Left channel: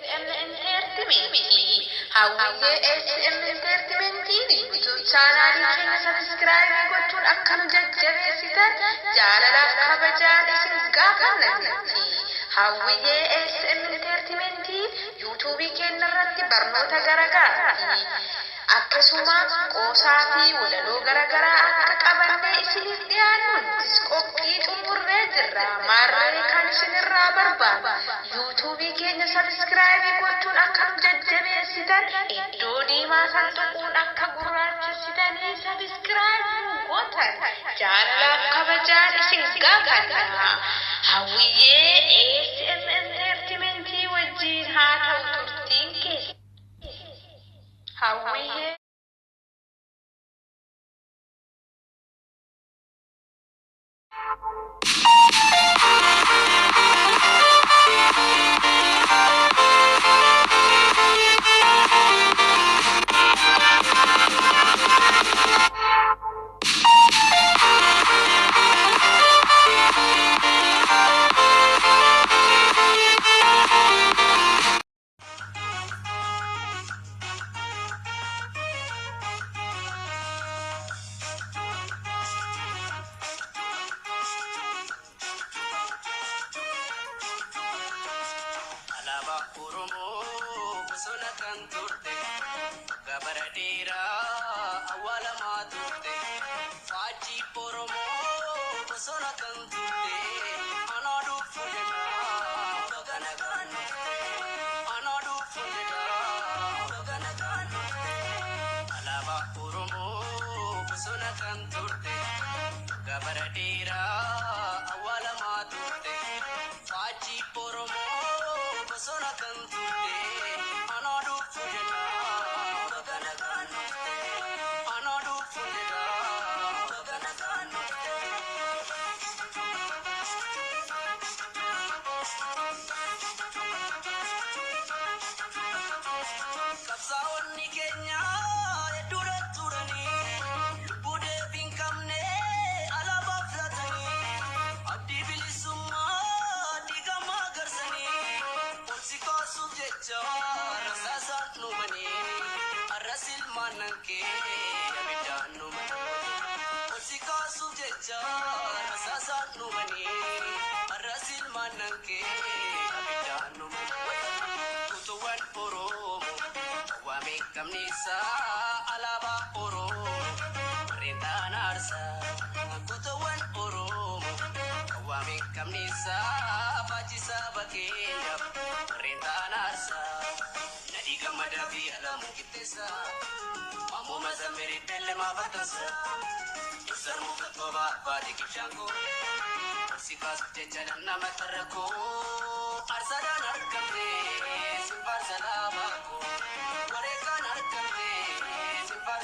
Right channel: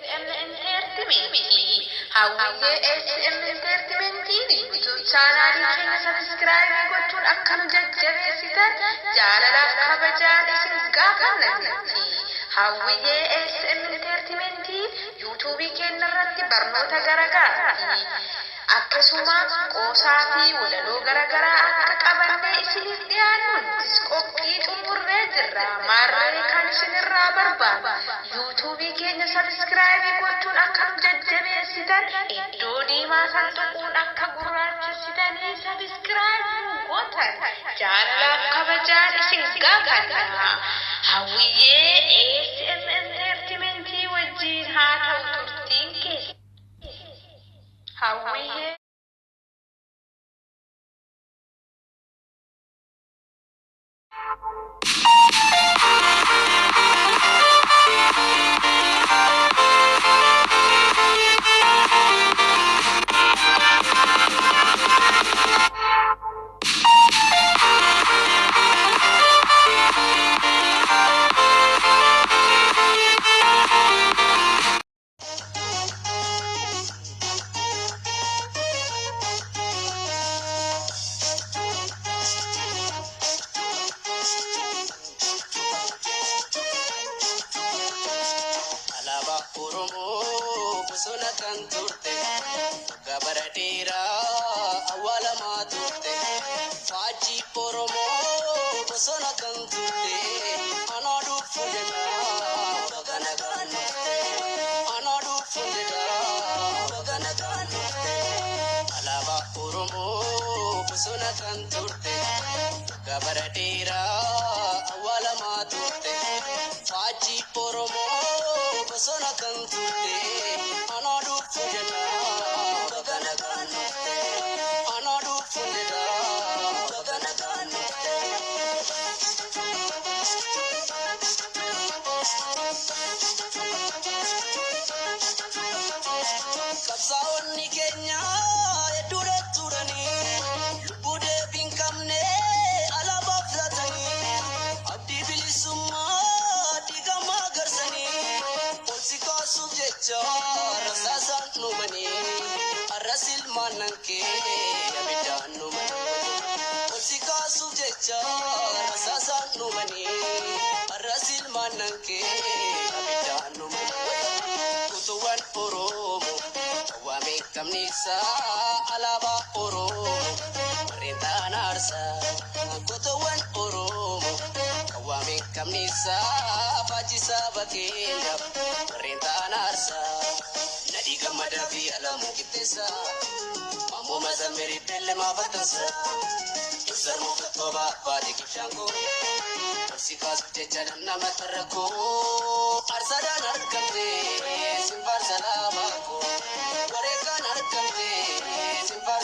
SM Entertainment. Hawwiye SM Entertainment YouTube channel keenya subscribe gochuun akka nu jajjabeessitan jaalalaaf kabajaan isin gaafanna. Hawwiye SM Entertainment YouTube keenya irratti barnoota garaagaraa akkasuma qoosaa fi walaloo garaagaraa akka qabannee isiniif dhiyaannu qophii xumurree jirra. Maarree kan isinirraa barbaadu YouTube keenya subscribe gochuun akka nu jajjabeessitan iddoo diimaa san tuquun akka gurraachessitanii subscribe gootan jaalalaaf kabajaan isin gaafanna. Hawwiyyee SM Entertainment wajjin haa ta'u turtiin keessa. Hawwiyyee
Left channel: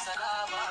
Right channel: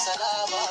Salama